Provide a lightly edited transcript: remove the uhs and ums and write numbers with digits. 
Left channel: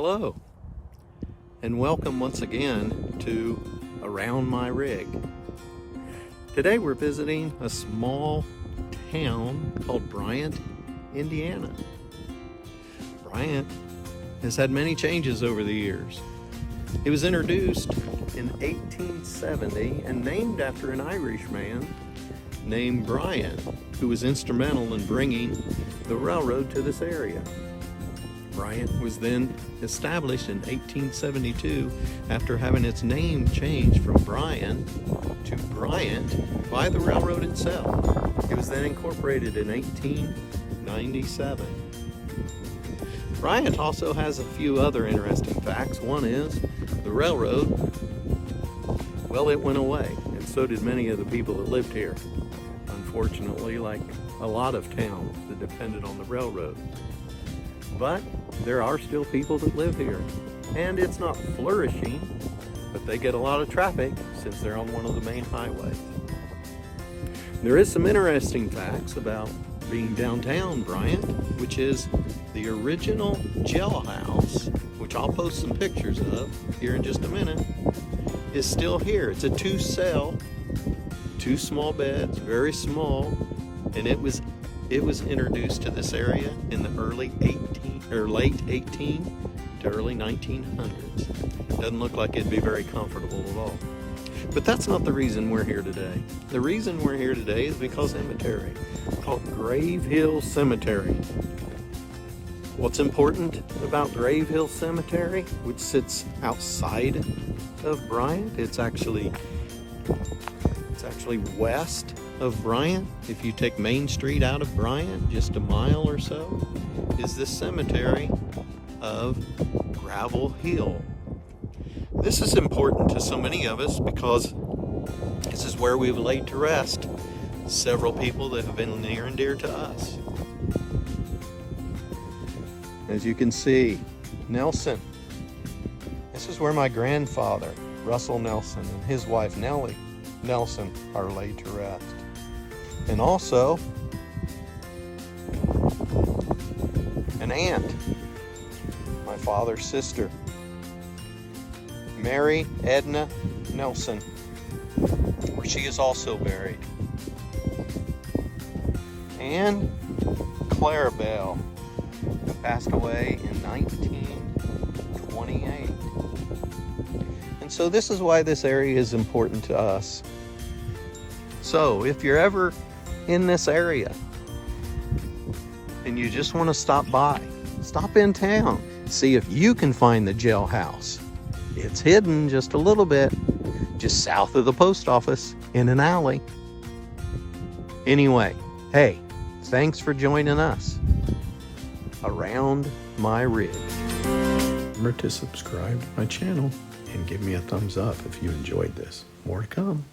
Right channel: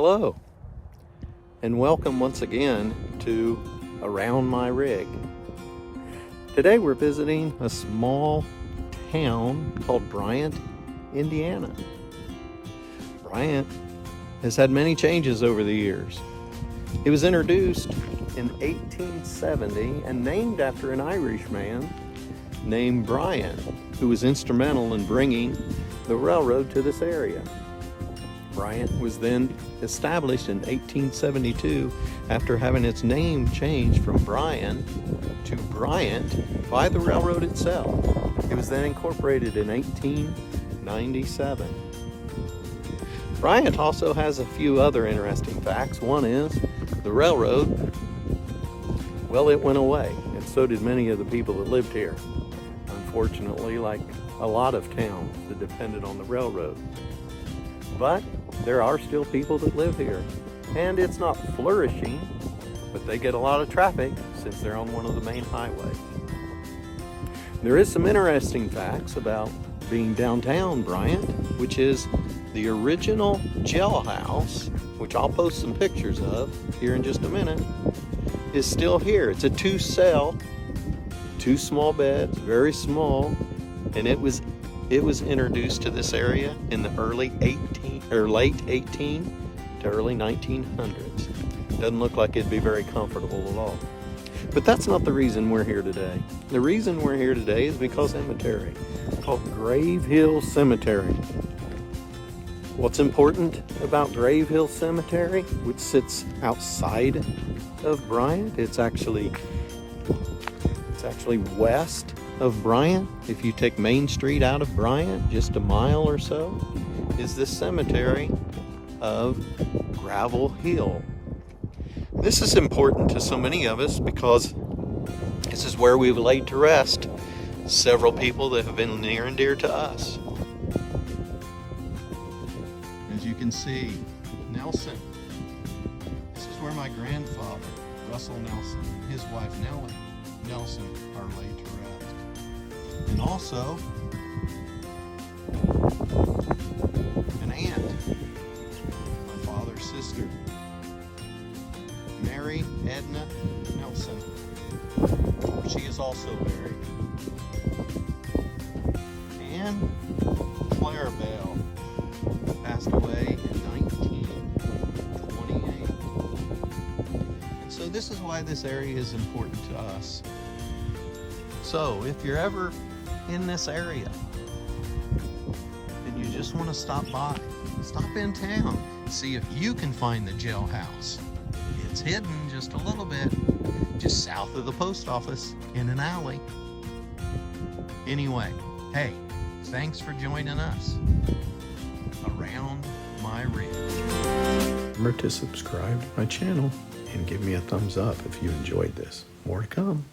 Hello, and welcome once again to Around My Rig. Today we're visiting a small town called Bryant, Indiana. Bryant has had many changes over the years. It was introduced in 1870 and named after an Irish man named Bryant, who was instrumental in bringing the railroad to this area. Bryant was then established in 1872 after having its name changed from Bryan to Bryant by the railroad itself. It was then incorporated in 1897. Bryant also has a few other interesting facts. One is the railroad, well, it went away, and so did many of the people that lived here. Unfortunately, like a lot of towns that depended on the railroad. But there are still people that live here, and it's not flourishing, but they get a lot of traffic since they're on one of the main highways. There is some interesting facts about being downtown Bryant, which is the original jailhouse, which I'll post some pictures of here in just a minute, is still here. It's a 2-cell, 2 small beds, very small, and it was introduced to this area in the late 18 to early 1900s. Doesn't look like it'd be very comfortable at all. But that's not the reason we're here today. The reason we're here today is because of a cemetery called Grave Hill Cemetery. What's important about Grave Hill Cemetery, which sits outside of Bryant, it's actually west of Bryant. If you take Main Street out of Bryant, just a mile or so, is the cemetery of Gravel Hill. This is important to so many of us because this is where we've laid to rest several people that have been near and dear to us. As you can see, Nelson. This is where my grandfather, Russell Nelson, and his wife, Nellie Nelson, are laid to rest. And also, an aunt, my father's sister, Mary Edna Nelson, where she is also buried. And Clara Bell, who passed away in 1928. And so this is why this area is important to us. So if you're ever in this area and you just want to stop by, stop in town, see if you can find the jailhouse. It's hidden just a little bit, just south of the post office in an alley. Anyway, hey, thanks for joining us Around My Rig. Remember to subscribe to my channel and give me a thumbs up if you enjoyed this. More to come.